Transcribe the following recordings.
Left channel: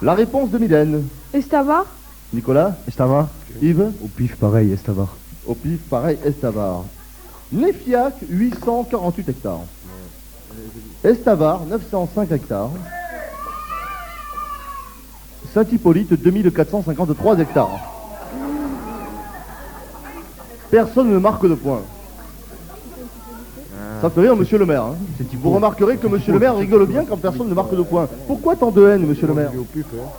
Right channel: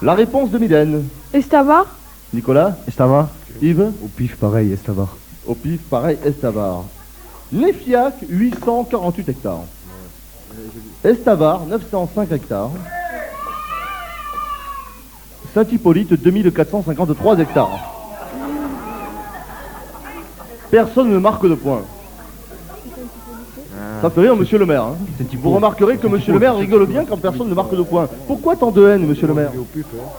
La réponse de Mylène. Estavar. Nicolas. Estavar. Yves. Au pif, pareil, Estavar. Au pif, pareil, Estavar. Nefiac, 848 hectares. Estavar, 905 hectares. Saint-Hippolyte, 2453 hectares. Personne ne marque de point. Ça fait rire monsieur le maire. Hein. Vous remarquerez que monsieur le maire rigole bien quand personne ne marque de point. Pourquoi tant de haine, monsieur le maire?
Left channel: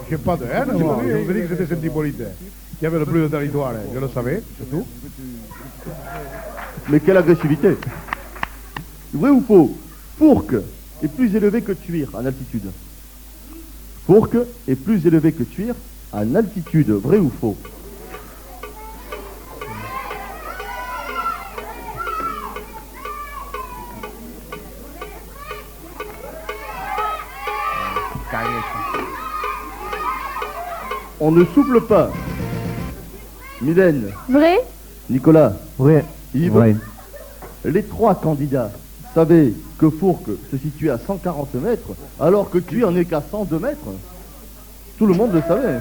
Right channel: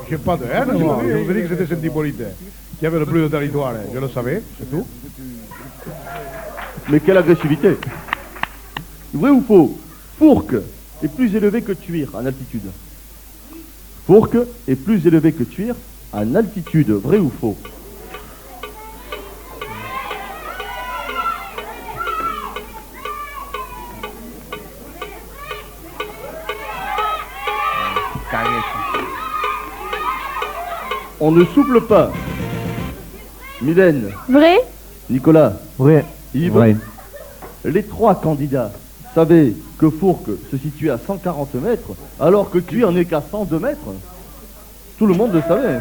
J'ai pas de haine, moi. Je vous ai dit que c'était Saint-Hippolyte. Qui avait le plus de territoire, je le savais, c'est tout. Mais quelle agressivité! Vrai ou faux? Fourques est plus élevé que Tuire en altitude. Fourques est plus élevé que Tuire en altitude. Vrai ou faux? On ne souffle pas. Mylène. Vrai. Nicolas. Vrai. Yves. Vrai. Les trois candidats savaient que Fourques se situait à 140 mètres, alors que Tuire n'est qu'à 102 mètres. Tout le monde le savait.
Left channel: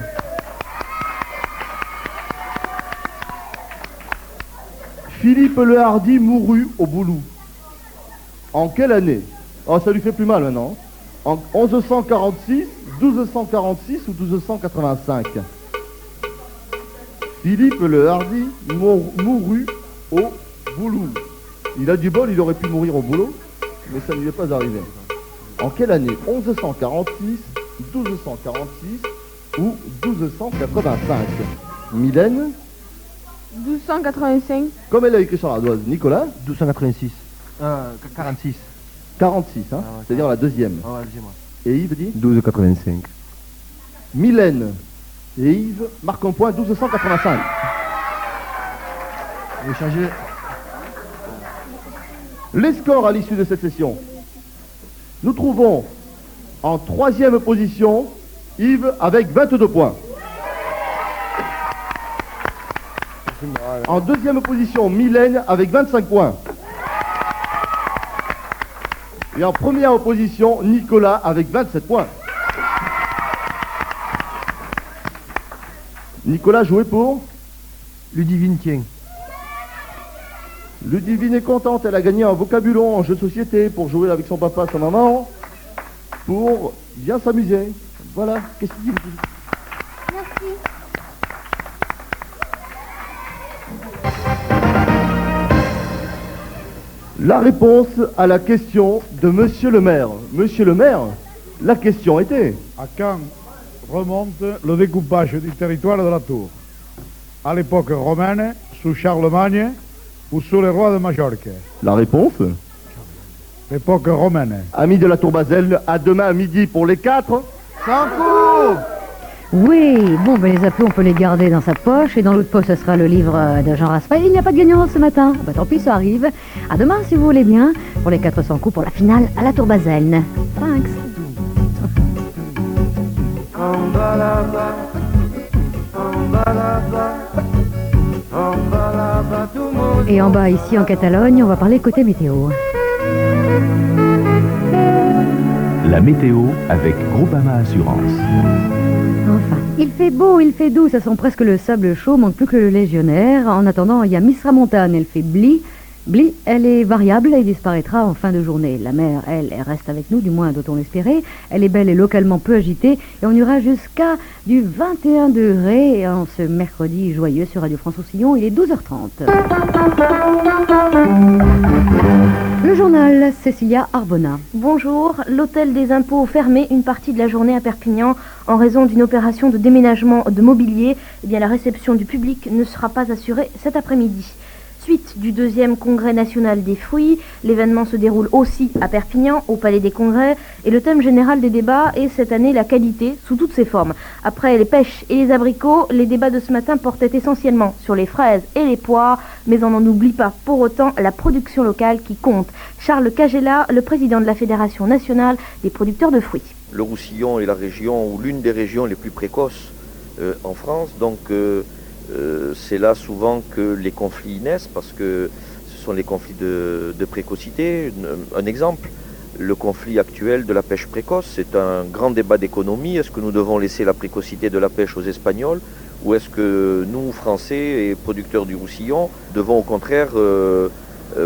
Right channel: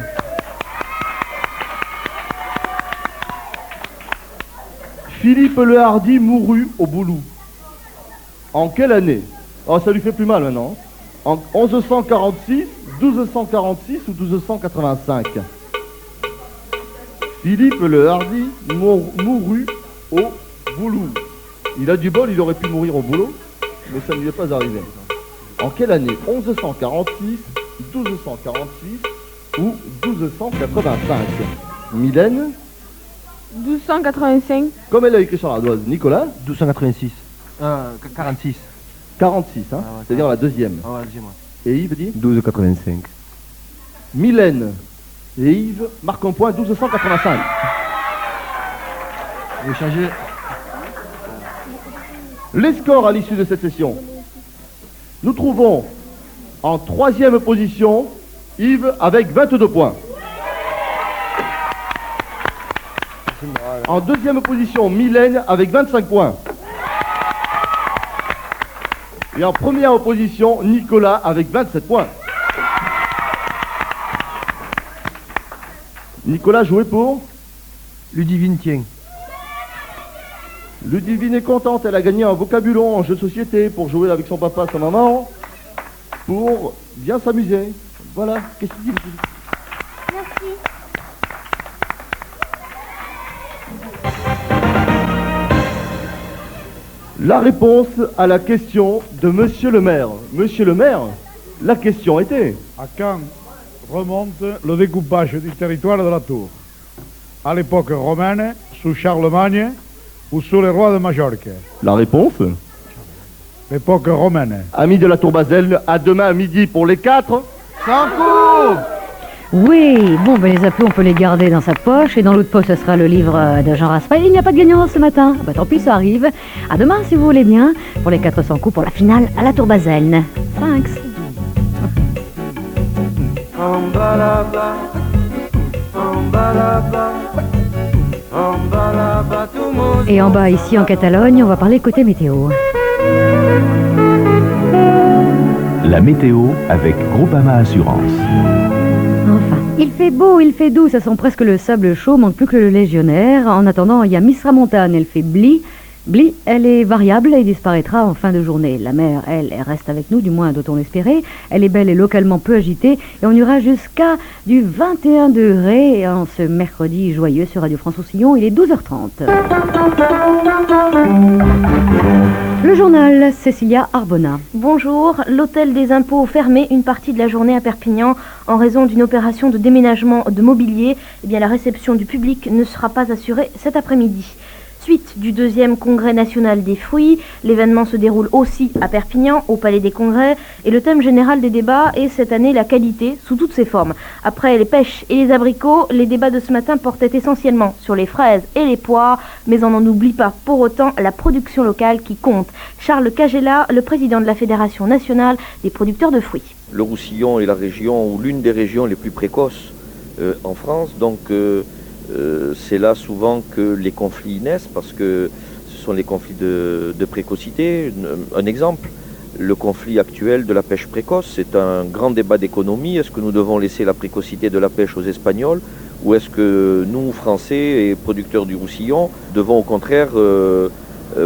Philippe le Hardy mourut au Boulou. En quelle année? Oh, ça lui fait plus mal maintenant. En 1146, 1246 ou 1285? Philippe le Hardy mourut au Boulou. Il a du bol, il aurait pu mourir au boulot, mais ça ne lui est pas arrivé. En quelle année? 1146, 1246 ou 1285? Mylène? 1285. Comme elle a écrit sur l'ardoise. Nicolas? 1286. 46. 46, hein, c'est-à-dire la deuxième. Ah ouais, dis-moi. Et Yves dit? 1285. Mylène et Yves marquent un point, 1285. Vous changez. Les scores à l'issue de cette session. Nous trouvons en troisième position Yves avec 22 points. En deuxième position, Mylène avec 25 points. Et en première position, Nicolas avec 27 points. Nicolas jouait pour Ludivine tient. Ludivine est contente, elle a gagné un vocabulon en jeu de société pour jouer avec son papa, sa maman, pour bien s'amuser. Voilà, qu'est-ce qu'il dit? Merci. La réponse à la question de Monsieur le maire. Monsieur le maire, la question était... À quand remonte le découpage du territoire de la Tour? À l'époque romaine, sous Charlemagne ou sous les rois de Majorque? La réponse? L'époque romaine. Amis de la Tour Basel, à demain à midi pour les 4. Sans coup! Oui, bon, ben les appels, on peut les garder dans sa poche. Et dans l'autre poche, ce sera le livre de Jean Raspail. Il n'y a pas de gagnant ce matin. Ben, tant pis, ça arrive. À demain, si vous voulez bien, pour les 400 coups pour la finale à la Tour Baselne. Thanks. Et en bas, ici, en Catalogne, on va parler côté météo. La météo avec Groupama Assurance. Enfin, il fait beau, il fait doux, ça sent presque le sable chaud, manque plus que le légionnaire. En attendant, il y a Miss Ramontane, elle fait bli. Bli, elle est variable et disparaîtra en fin de journée. La mer, elle reste avec nous, du moins doit-on l'espérer. Elle est belle et localement peu agitée et on ira jusqu'à du 21 degrés en ce mercredi joyeux sur Radio France Roussillon. Il est 12h30. Le journal, Cécilia Arbona. Bonjour, l'hôtel des impôts fermé une partie de la journée à Perpignan en raison d'une opération de déménagement de mobilier. Eh bien, la réception du public ne sera pas assurée cet après-midi. Suite du 2e congrès national des fruits, l'événement se déroule aussi à Perpignan, au Palais des Congrès, et le thème général des débats est cette année la qualité sous toutes ses formes. Après les pêches et les abricots, les débats de ce matin portaient essentiellement sur les fraises et les poires, mais on n'en oublie pas pour autant la production locale qui compte. Charles Cagella, le président de la Fédération nationale des producteurs de fruits. Le Roussillon est la région, ou l'une des régions les plus précoces en France, donc c'est là souvent que les conflits naissent, parce que ce sont les conflits de précocité. Un exemple, le conflit actuel de la pêche précoce. C'est un grand débat d'économie. Est-ce que nous devons laisser la précocité de la pêche aux Espagnols ou est-ce que nous, Français et producteurs du Roussillon, devons au contraire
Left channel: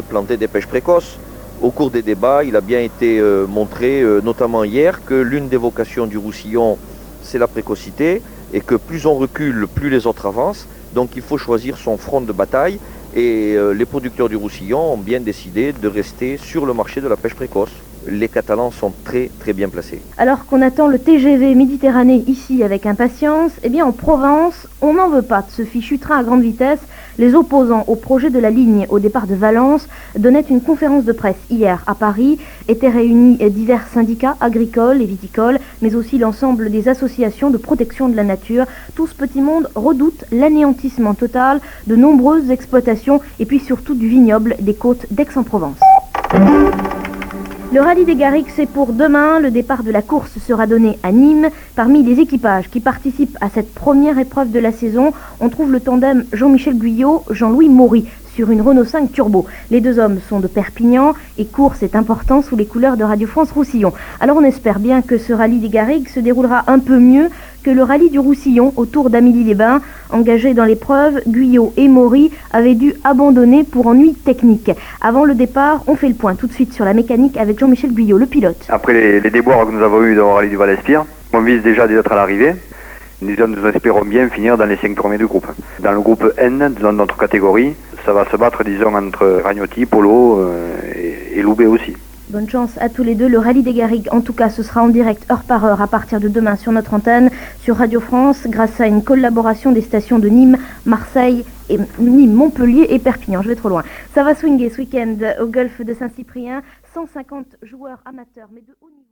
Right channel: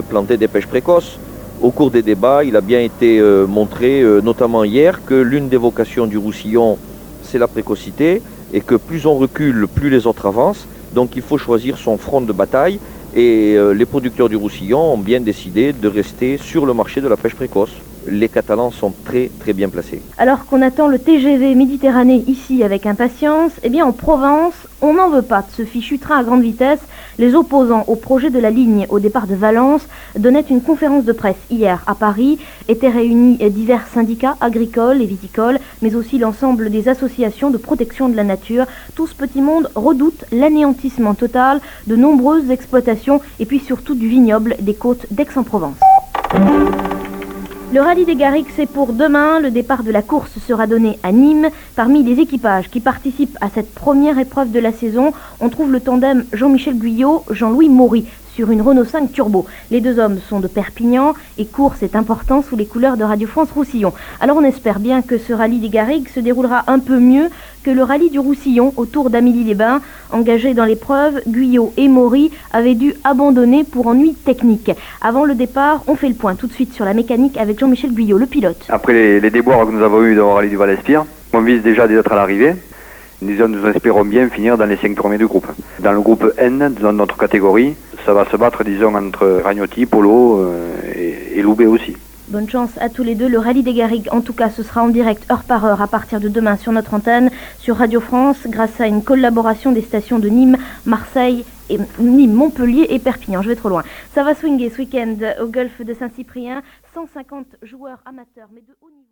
planter des pêches précoces? Au cours des débats, il a bien été montré, notamment hier, que l'une des vocations du Roussillon, c'est la précocité et que plus on recule, plus les autres avancent. Donc il faut choisir son front de bataille et les producteurs du Roussillon ont bien décidé de rester sur le marché de la pêche précoce. Les Catalans sont très très bien placés. Alors qu'on attend le TGV Méditerranée ici avec impatience, eh bien en Provence, on n'en veut pas de ce fichu train à grande vitesse. Les opposants au projet de la ligne au départ de Valence donnaient une conférence de presse hier à Paris. Étaient réunis divers syndicats agricoles et viticoles, mais aussi l'ensemble des associations de protection de la nature. Tout ce petit monde redoute l'anéantissement total de nombreuses exploitations et puis surtout du vignoble des côtes d'Aix-en-Provence. Le rallye des Garrigues, c'est pour demain. Le départ de la course sera donné à Nîmes. Parmi les équipages qui participent à cette première épreuve de la saison, on trouve le tandem Jean-Michel Guyot, Jean-Louis Maury sur une Renault 5 Turbo. Les deux hommes sont de Perpignan et course est important sous les couleurs de Radio France Roussillon. Alors on espère bien que ce rallye des Garrigues se déroulera un peu mieux que le rallye du Roussillon autour d'Amélie-les-Bains. Engagés dans l'épreuve, Guyot et Maury avaient dû abandonner pour ennui technique. Avant le départ, on fait le point tout de suite sur la mécanique avec Jean-Michel Guyot, le pilote. Après les déboires que nous avons eus dans le rallye du Val-Espire, on vise déjà d'être à l'arrivée. Nous espérons bien finir dans les 5 premiers du groupe. Dans le groupe N, dans notre catégorie, ça va se battre, disons, entre Ragnotti, Polo et Loubet aussi. Bonne chance à tous les deux. Le rallye des Garrigues, en tout cas, ce sera en direct heure par heure à partir de demain sur notre antenne, sur Radio France, grâce à une collaboration des stations de Nîmes, Marseille, et Nîmes, Montpellier et Perpignan. Je vais trop loin. Ça va swinguer ce week-end au golfe de Saint-Cyprien. 150 joueurs amateurs, mais de haut niveau.